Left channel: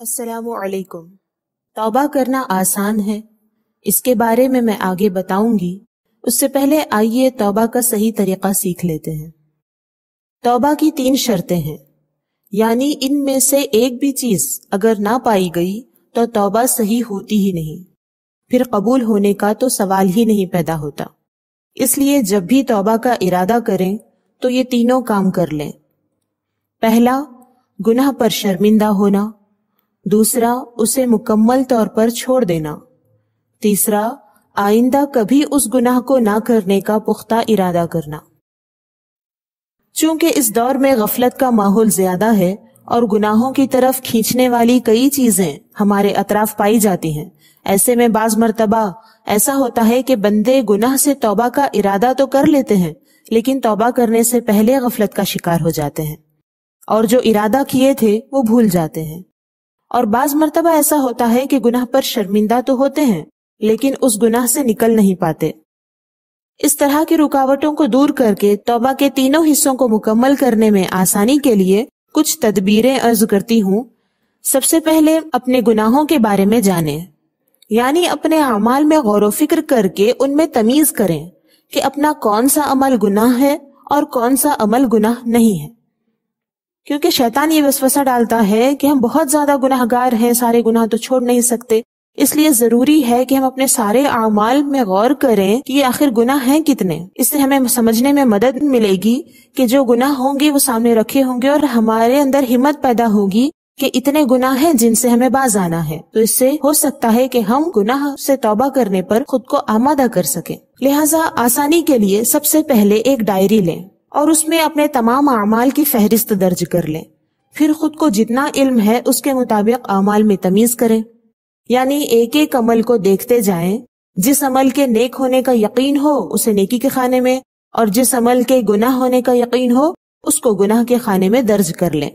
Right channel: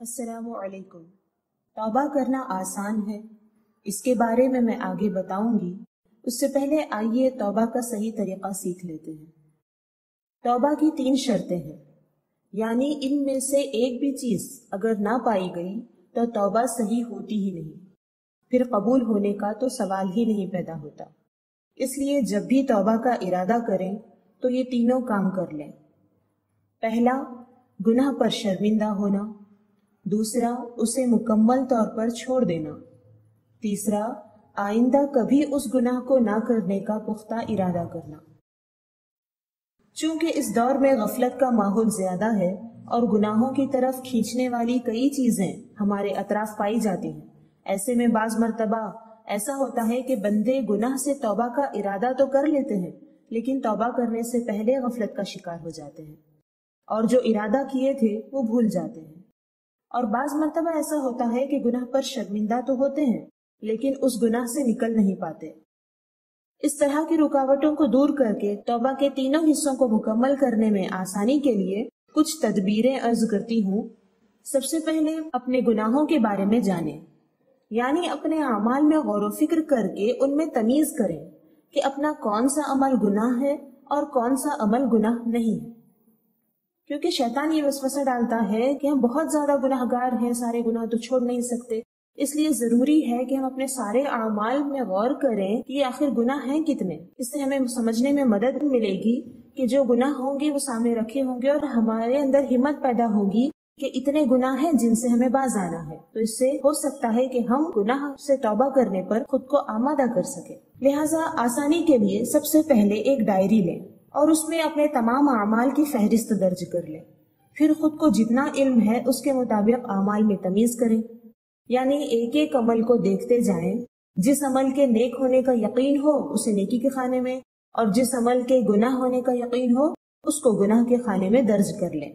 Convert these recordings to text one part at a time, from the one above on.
السلام علیکم۔ توبہ کرنا آسان ہے، اس کے بارے میں آگے بتاؤں گی۔ اس سے پہلے آئیے توبہ کا صحیح طریقہ سیکھ لیتے ہیں۔ توبہ کی 3 شرطیں ہیں، یعنی ان میں سے ایک بھی چیز اگر نہ پائی گئی تو توبہ صحیح ہوتی ہی نہیں، پھر قبول ہونے کا تو سوال ہی نہیں پیدا ہوتا۔ اس لیے جب بھی توبہ کا ارادہ کریں تو یہ تینوں کام کر لیں۔ پہلا، گناہ پر شرمندہ ہونا۔ دوسرا، اسے مکمل طور پر چھوڑ دینا۔ تیسرا، آئندہ کبھی اس گناہ کو نہ کرنے کا پختہ ارادہ کرنا۔ چونکہ اس دور میں غفلت کا ماحول زیادہ ہے اور گناہوں کی طرف کھینچنے والی کئی چیزیں ہمارے اطراف پائی جاتی ہیں، ایسے میں بعض مرتبہ ایسا ہوتا ہے کہ بندے گناہ سے توبہ کا ارادہ تو کر لیتے ہیں، لیکن توبہ کرنے سے پہلے غفلت کا شکار ہو جاتے ہیں اور جو ارادہ کیے تھے وہ بھول جاتے ہیں۔ اور بعض مرتبہ ایسا ہوتا ہے کہ گناہ پر شرمندہ تو ہوتے ہیں لیکن اس گناہ سے نکل نہیں پاتے۔ اس طرح کی رکاوٹوں کو دور کر کے توبہ کے تینوں حصوں کو مکمل کرنے میں آسانی کے لیے کچھ تدبیریں عرض کرتی ہوں۔ سب سے پہلے اپنے گناہوں کے بارے میں جانیں، یعنی اپنے اعمال میں غور و فکر کر کے ان میں تمیز کریں کہ اپنا کون سا عمل گناہ ہے اور کون سا عمل گناہ نہیں ہے۔ کیونکہ شیطان یہ وسوسہ ڈالتا ہے کہ ہم بہت زیادہ گناہ گار ہیں، سارے گناہ تو چھوڑ نہیں سکتے، اس لیے ضروری ہے کہ ہم اپنے سارے اعمال میں غور کریں کہ یہ آخر گناہ ہیں کتنے۔ اس سے ہمیں سمجھنے میں مدد ملے گی کہ جو گناہ ہوں گے وہ سامنے رکھے ہوں گے اور ہمارے اندر ہمت پیدا ہوگی کہ اتنے گناہ ہیں جن سے ہمیں باز آنا ہے، تو اس سے ہو سکتا ہے کہ ہم گناہ سے توبہ کرنے پر خود کو آمادہ کر سکیں۔ لہٰذا آسانی کے لیے سب سے پہلے ایک ڈائری لیں اور اس میں اپنے تمام اعمال کی فہرست درج کر لیں۔ پھر خود کو جتنا علم ہے اس کے مطابق اعمال میں تمیز کریں، یعنی ایک ایک عمل کو دیکھتے جائیں۔ جس عمل کے نیک ہونے کا یقین ہو اسے نیکی کے خانے میں، اور جس عمل کے گناہ ہونے کا یقین ہو اس کو گناہ کے خانے میں درج کر لیں،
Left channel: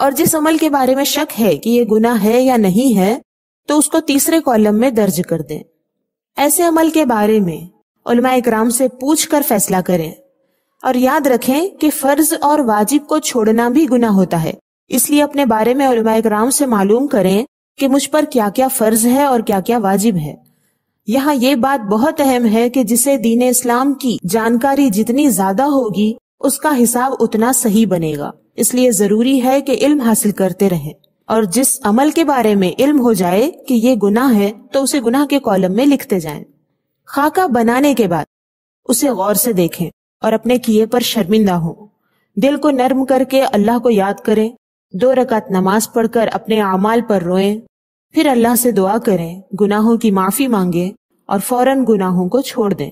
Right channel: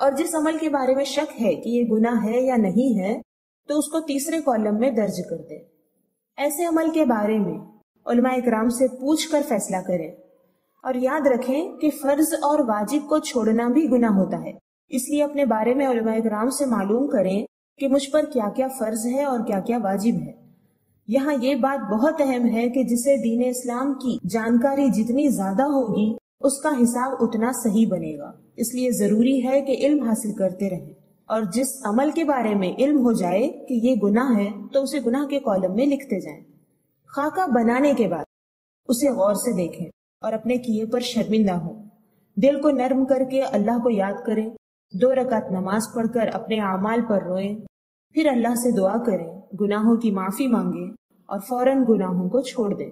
اور جس عمل کے بارے میں شک ہے کہ یہ گناہ ہے یا نہیں ہے تو اس کو تیسرے کالم میں درج کر دیں۔ ایسے عمل کے بارے میں علماء اکرام سے پوچھ کر فیصلہ کریں، اور یاد رکھیں کہ فرض اور واجب کو چھوڑنا بھی گناہ ہوتا ہے، اس لیے اپنے بارے میں علماء اکرام سے معلوم کریں کہ مجھ پر کیا کیا فرض ہے اور کیا کیا واجب ہے۔ یہاں یہ بات بہت اہم ہے کہ جسے دین اسلام کی جانکاری جتنی زیادہ ہوگی اس کا حساب اتنا صحیح بنے گا، اس لیے ضروری ہے کہ علم حاصل کرتے رہیں، اور جس عمل کے بارے میں علم ہو جائے کہ یہ گناہ ہے تو اسے گناہ کے کالم میں لکھتے جائیں۔ خاکہ بنانے کے بعد اسے غور سے دیکھیں اور اپنے کیے پر شرمندہ ہوں۔ دل کو نرم کر کے اللہ کو یاد کریں، 2 رکعت نماز پڑھ کر اپنے اعمال پر روئیں، پھر اللہ سے دعا کریں، گناہوں کی معافی مانگیں اور فوراً گناہوں کو چھوڑ دیں۔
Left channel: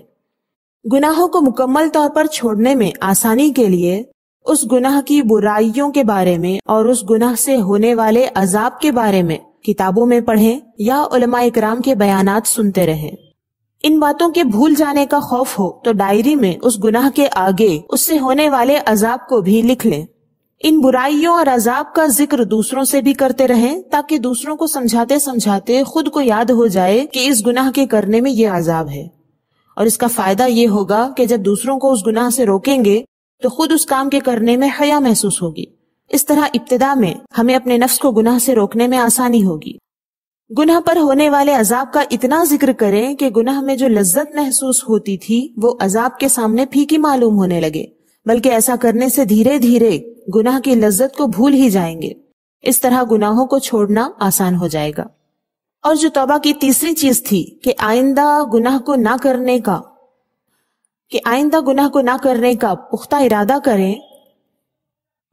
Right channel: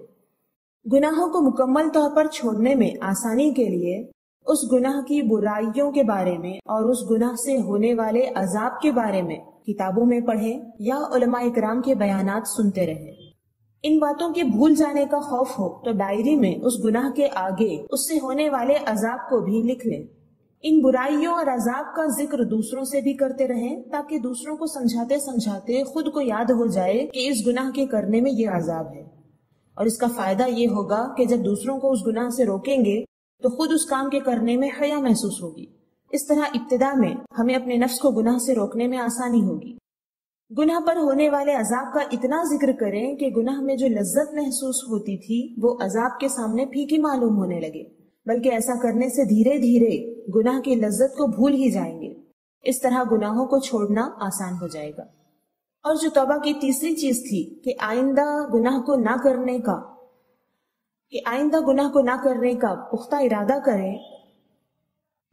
گناہوں کو مکمل طور پر چھوڑنے میں آسانی کے لیے اس گناہ کی برائیوں کے بارے میں اور اس گناہ سے ہونے والے عذاب کے بارے میں کتابوں میں پڑھیں یا علماء اکرام کے بیانات سنتے رہیں۔ ان باتوں کے بھول جانے کا خوف ہو تو ڈائری میں اس گناہ کے آگے اس سے ہونے والے عذاب کو بھی لکھ لیں۔ ان برائیوں اور عذاب کا ذکر دوسروں سے بھی کرتے رہیں تاکہ دوسروں کو سمجھاتے سمجھاتے خود کو یاد ہو جائے کہ اس گناہ کے کرنے میں یہ عذاب ہے، اور اس کا فائدہ یہ ہوگا کہ جب دوسروں کو اس گناہ سے روکیں گے تو خود اس کام کے کرنے میں حیا محسوس ہوگی۔ اس طرح ابتدا میں ہمیں اپنے نفس کو گناہ سے روکنے میں آسانی ہوگی۔ گناہ پر ہونے والے عذاب کا اتنا ذکر کریں کہ گناہ میں جو لذت محسوس ہوتی تھی وہ عذاب کے سامنے پھیکی معلوم ہونے لگے، بلکہ ایسا کرنے سے دھیرے دھیرے گناہ کی لذت کو بھول ہی جائیں گے۔ اس طرح گناہوں کو چھوڑنا آسان ہو جائے گا۔ اور جو توبہ کی تیسری چیز تھی کہ آئندہ گناہ کو نہ کرنے کا پختہ ارادہ کریں،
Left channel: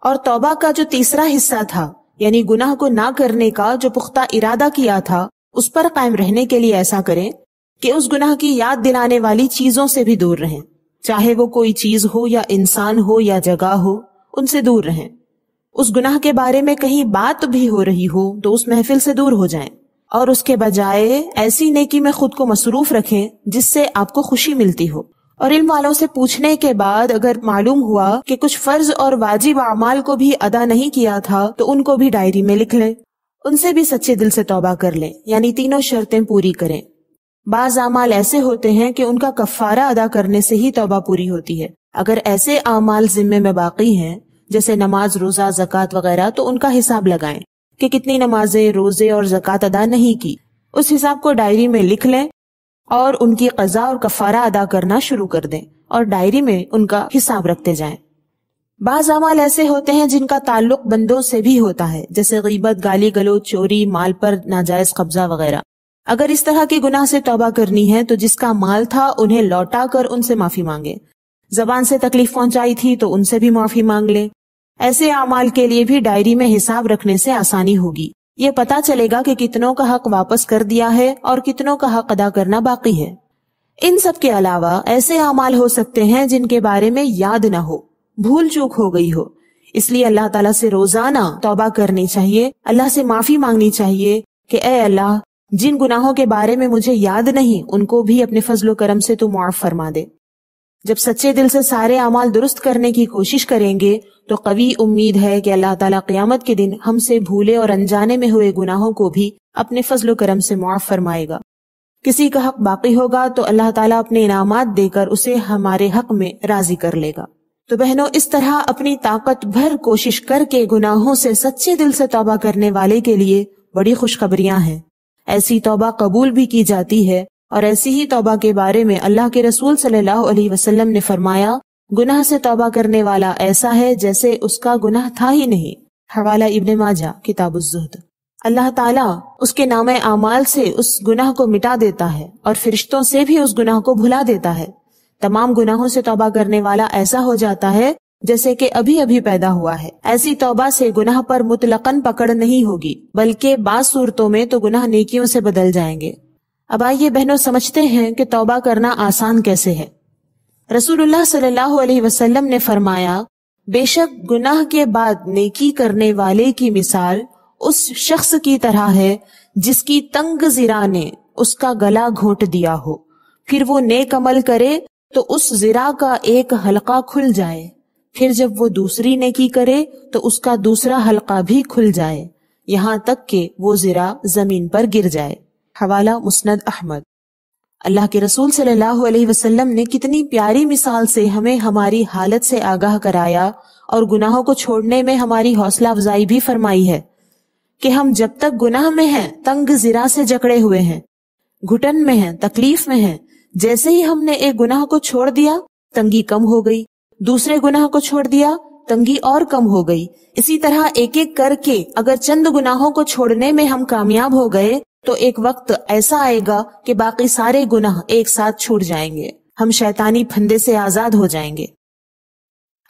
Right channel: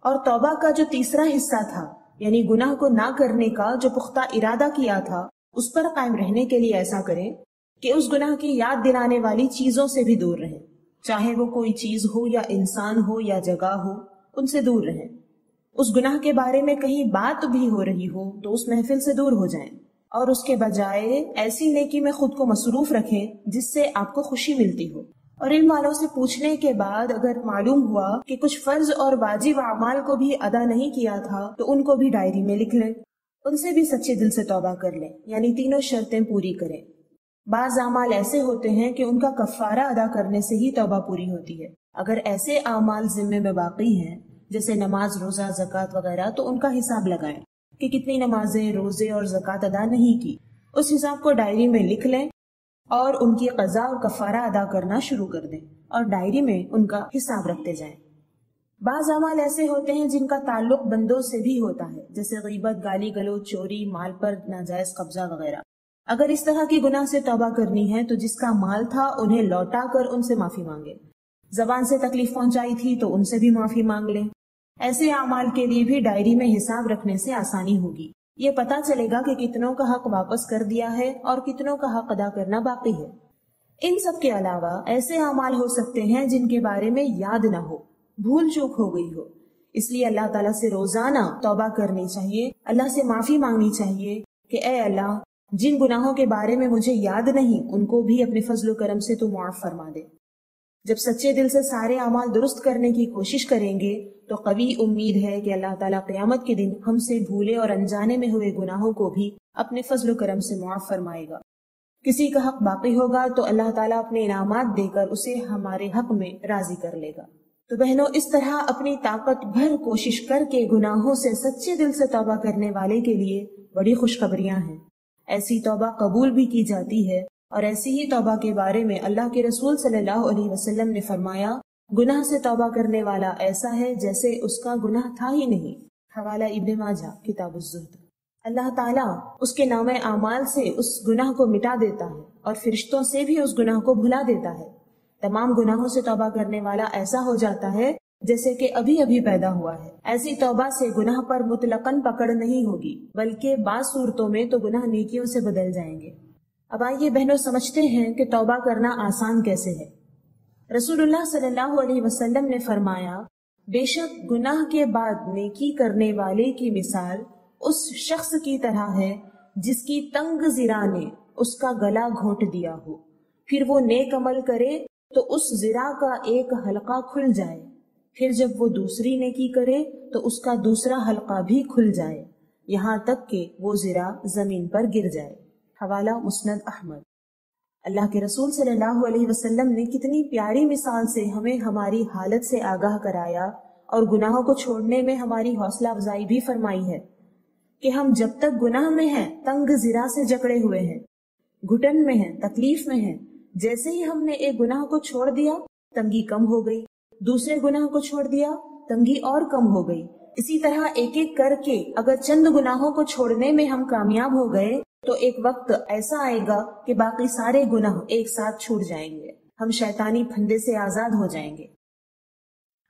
اور توبہ کا جو تیسرا حصہ تھا یعنی گناہ کو نہ کرنے کا جو پختہ ارادہ کیا تھا اس پر قائم رہنے کے لیے ایسا کریں کہ اس گناہ کی یاد دلانے والی چیزوں سے بھی دور رہیں، چاہے وہ کوئی چیز ہو یا انسان ہو یا جگہ ہو، ان سے دور رہیں۔ اس گناہ کے بارے میں کہیں بات بھی ہو رہی ہو تو اس محفل سے دور ہو جائیں، اور اس کے بجائے ایسی نیکی میں خود کو مصروف رکھیں جس سے آپ کو خوشی ملتی ہو۔ اور علم والوں سے پوچھنے کے بعد اگر معلوم ہوا کہ کچھ فرض اور واجب اعمال کو بھی ادا نہیں کیا تھا تو ان کو بھی ڈائری میں لکھ لیں، ان سے بھی سچے دل سے توبہ کر لیں، یعنی تینوں شرطیں پوری کریں۔ بعض اعمال ایسے ہوتے ہیں کہ ان کا کفارہ ادا کرنے سے ہی توبہ پوری ہوتی ہے۔ اگر ایسے اعمال ذمے میں باقی ہیں جیسے نماز، روزہ، زکوٰۃ وغیرہ تو ان کا حساب لگائیں، کہ کتنی نمازیں، روزے اور زکوٰۃ ادا نہیں کی، اس حساب کو ڈائری میں لکھ لیں اور ان کی قضا اور کفارہ ادا کرنا شروع کر دیں اور ڈائری میں ان کا حساب رکھتے جائیں۔ بعض اعمال ایسے ہوتے ہیں جن کا تعلق بندوں سے بھی ہوتا ہے، جیسے غیبت، گالی گلوچ، چوری، مال پر ناجائز قبضہ وغیرہ۔ اگر اس طرح کی گناہ سے توبہ کرنی ہے تو جس کا مال تھا انہیں لوٹا کر ان سے معافی مانگے، زبان سے تکلیف پہنچائی تھی تو ان سے بھی معافی مانگ لیں۔ ایسے اعمال کے لیے بھی ڈائری میں حساب رکھنے سے آسانی ہوگی، یہ پتا چلے گا کہ کتنوں کا حق واپس کر دیا ہے اور کتنوں کا حق ادا کرنا باقی ہے۔ ان سب کے علاوہ ایسے اعمال ہو سکتے ہیں جن کے بارے میں یاد نہ ہو، بھول چوک ہو گئی ہو، اس لیے اللہ تعالیٰ سے روزانہ توبہ کرنی چاہیے، اللہ سے معافی مانگنی چاہیے کہ اے اللہ، جن گناہوں کے بارے میں مجھے یاد نہیں ان کو بھی اپنے فضل و کرم سے تو معاف فرما دے۔ جب سچے دل سے سارے اعمال درست کرنے کی کوشش کریں گے تو قوی امید ہے کہ اللہ تعالیٰ قیامت کے دن ہم سے بھولے اور انجانے میں ہوئے گناہوں کو بھی اپنے فضل و کرم سے معاف فرمائے گا۔ کسی کا حق باقی ہوگا تو اللہ تعالیٰ اپنے انعامات دے کر اسے ہمارے حق میں راضی کر لے گا۔ تو بہنوں، اس طرح اپنی طاقت بھر کوشش کر کے گناہوں سے سچے دل سے توبہ کرنے والے کے لیے بڑی خوشخبریاں ہیں۔ ایسی توبہ قبول بھی کی جاتی ہے، اور ایسی ہی توبہ کے بارے میں اللہ کے رسول صلی اللہ علیہ وسلم نے فرمایا، گناہ سے توبہ کرنے والا ایسا ہے جیسے اس کا گناہ تھا ہی نہیں۔ حوالہ ابن ماجہ کتاب الزہد۔ اللہ تعالیٰ اس کے نام اعمال سے اس گناہ کو مٹا دیتا ہے اور فرشتوں سے بھی اس گناہ کو بھلا دیتا ہے۔ تمام گناہوں سے توبہ کرنے والا ایسا ہو جاتا ہے جیسے کہ ابھی ابھی پیدا ہوا ہے۔ ایسی توبہ سے گناہ پر مطلقاً پکڑ نہیں ہوگی، بلکہ بعض صورتوں میں تو گناہ نیکیوں سے بدل جائیں گے۔ اب آئیے بہنوں سمجھتے ہیں کہ توبہ کرنا آسان کیسے ہے۔ رسول اللہ صلی اللہ علیہ وسلم نے فرمایا، بے شک گناہ کے بعد نیکی کرنے والے کی مثال اس شخص کی طرح ہے جس کی تنگ ذرا نے اس کا گلا گھونٹ دیا ہو، پھر وہ نیک عمل کرے تو اس ذرا کا ایک حلقہ کھل جائے، پھر جب وہ دوسری نیکی کرے تو اس کا دوسرا حلقہ بھی کھل جائے، یہاں تک کہ وہ ذرا زمین پر گر جائے۔ حوالہ مسند احمد۔ اللہ کے رسول صلی اللہ علیہ وسلم نے کتنی پیاری مثال سے ہمیں ہماری حالت سے آگاہ کرایا اور گناہوں کو چھوڑنے میں ہماری حوصلہ افزائی بھی فرمائی ہے کہ ہم جب تک گناہ میں ہیں، تنگ ذرا سے جکڑے ہوئے ہیں، گھٹن میں ہیں، تکلیف میں ہیں، جیسے ہی ہم نے ایک گناہ کو چھوڑ دیا تنگی کم ہو گئی، دوسرے گناہ کو چھوڑ دیا تنگی اور کم ہو گئی۔ اسی طرح ایک ایک کر کے اگر چند گناہوں کو چھوڑنے میں ہم کامیاب ہو گئے تو ایک وقت ایسا آئے گا کہ باقی سارے گناہ ایک ساتھ چھوٹ جائیں گے، ہم شیطانی پھندے سے آزاد ہو جائیں گے۔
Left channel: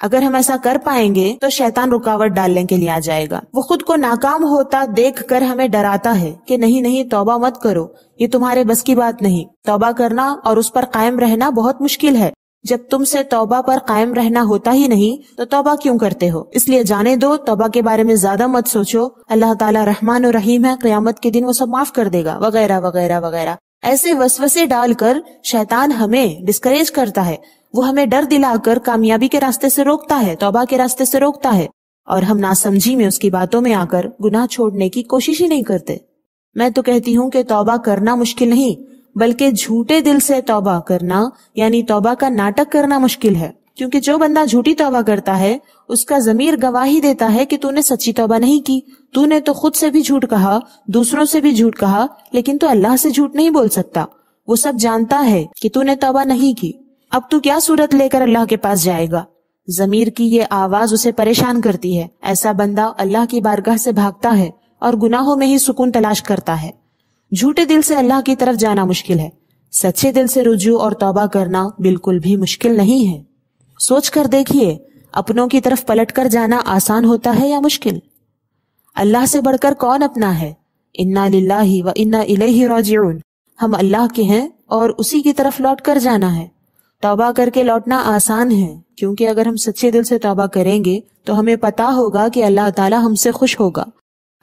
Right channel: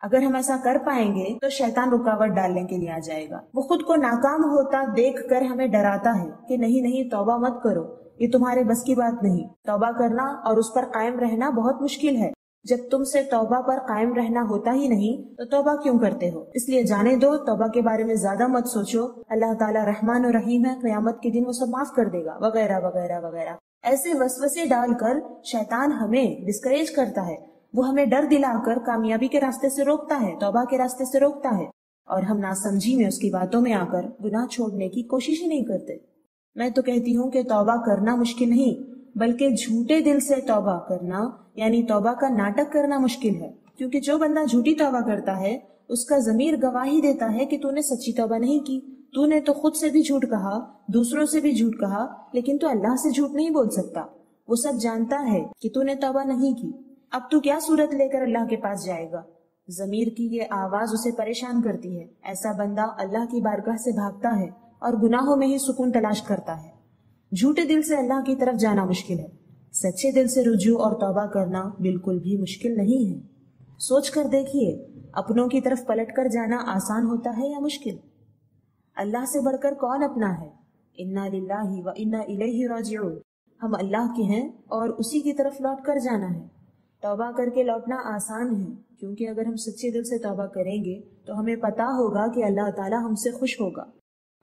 اگر ہم ایسا کر پائیں گے تو شیطان رکاوٹ ڈالنے کے لیے آ جائے گا، وہ خود کو ناکام ہوتا دیکھ کر ہمیں ڈراتا ہے کہ نہیں نہیں، توبہ مت کرو، یہ تمہارے بس کی بات نہیں، توبہ کرنا اور اس پر قائم رہنا بہت مشکل ہے، جب تم سے توبہ پر قائم رہنا ہوتا ہی نہیں تو توبہ کیوں کرتے ہو، اس لیے جانے دو، توبہ کے بارے میں زیادہ مت سوچو، اللہ تعالیٰ رحمان و رحیم ہے، قیامت کے دن وہ سب معاف کر دے گا، وغیرہ وغیرہ وغیرہ۔ ایسے وسوسے ڈال کر شیطان ہمیں ڈسکریج کرتا ہے، وہ ہمیں ڈر دلا کر کامیابی کے راستے سے روکتا ہے، توبہ کے راستے سے روکتا ہے، اور ہم ناسمجھی میں اس کی باتوں میں آ کر گناہ چھوڑنے کی کوشش ہی نہیں کرتے۔ میں تو کہتی ہوں کہ توبہ کرنا مشکل نہیں، بلکہ جھوٹے دل سے توبہ کرنا یعنی توبہ کا ناٹک کرنا مشکل ہے، کیونکہ جو بندہ جھوٹی توبہ کرتا ہے اس کا ضمیر گواہی دیتا ہے کہ تو نے سچی توبہ نہیں کی، تو نے تو خود سے بھی جھوٹ کہا، دوسروں سے بھی جھوٹ کہا، لیکن تو اللہ سے جھوٹ نہیں بول سکتا، وہ سب جانتا ہے کہ تو نے توبہ نہیں کی، اب تو کیا صورت لے کر اللہ کے پاس جائے گا۔ ضمیر کی یہ آواز اسے پریشان کرتی ہے، ایسا بندہ اللہ کی بارگاہ سے بھاگتا ہے اور گناہوں میں ہی سکون تلاش کرتا ہے۔ جھوٹے دل سے اللہ کی طرف جانا مشکل ہے، سچے دل سے رجوع اور توبہ کرنا بالکل بھی مشکل نہیں ہے۔ سوچ کر دیکھیے، اپنوں کی طرف پلٹ کر جانا آسان ہوتا ہے یا مشکل؟ اللہ سے بڑھ کر کون اپنا ہے؟ انا للہ و انا الیہ راجعون، ہم اللہ کے ہیں اور اسی کی طرف لوٹ کر جانا ہے۔ توبہ کر کے لوٹنا آسان ہے، کیونکہ اگر ہم سچے دل سے توبہ کریں گے تو ہمیں پتا ہوگا کہ اللہ تعالی ہم سے خوش ہوگا،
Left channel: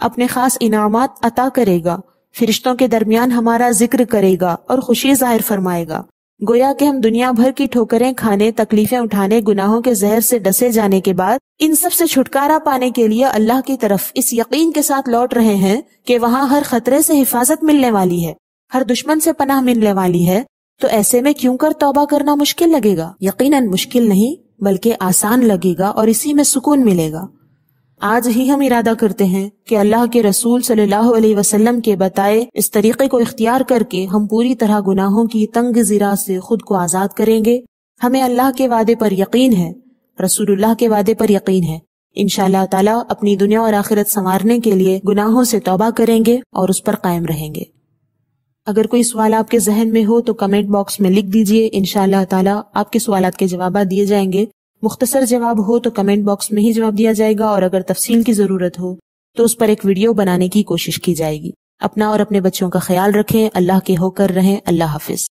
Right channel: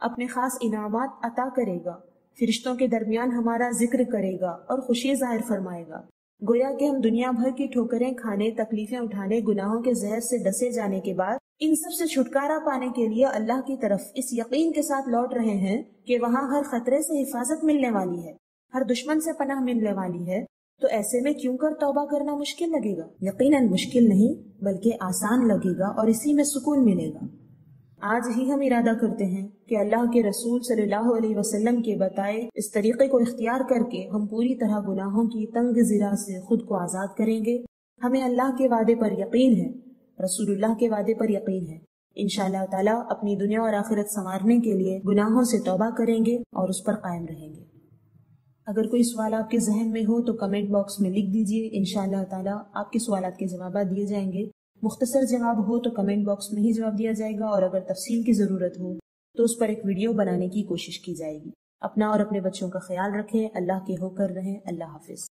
اپنے خاص انعامات عطا کرے گا، فرشتوں کے درمیان ہمارا ذکر کرے گا اور خوشی ظاہر فرمائے گا، گویا کہ ہم دنیا بھر کی ٹھوکریں کھانے، تکلیفیں اٹھانے، گناہوں کے زہر سے ڈسے جانے کے بعد ان سب سے چھٹکارا پانے کے لیے اللہ کی طرف اس یقین کے ساتھ لوٹ رہے ہیں کہ وہاں ہر خطرے سے حفاظت ملنے والی ہے، ہر دشمن سے پناہ ملنے والی ہے۔ تو ایسے میں کیوں کر توبہ کرنا مشکل لگے گا؟ یقیناً مشکل نہیں بلکہ آسان لگے گا اور اسی میں سکون ملے گا۔ آج ہی ہم ارادہ کرتے ہیں کہ اللہ کے رسول صلی اللہ علیہ وسلم کے بتائے اس طریقے کو اختیار کر کے ہم پوری طرح گناہوں کی تنگ زرہ سے خود کو آزاد کریں گے۔ ہمیں اللہ کے وعدے پر یقین ہے، رسول اللہ کے وعدے پر یقین ہے۔ انشاءاللہ تعالی اپنی دنیا اور آخرت سنوارنے کے لیے گناہوں سے توبہ کریں گے اور اس پر قائم رہیں گے۔ اگر کوئی سوال آپ کے ذہن میں ہو تو کمنٹ باکس میں لکھ دیجئے، انشاءاللہ تعالی آپ کے سوالات کے جوابات دیے جائیں گے۔ مختصر جواب ہو تو کمنٹ باکس میں ہی جواب دیا جائے گا، اور اگر تفصیل کی ضرورت ہو تو اس پر ایک ویڈیو بنانے کی کوشش کی جائے گی۔ اپنا اور اپنے بچوں کا خیال رکھیں، اللہ کے ہو کر رہیں۔ اللہ حافظ۔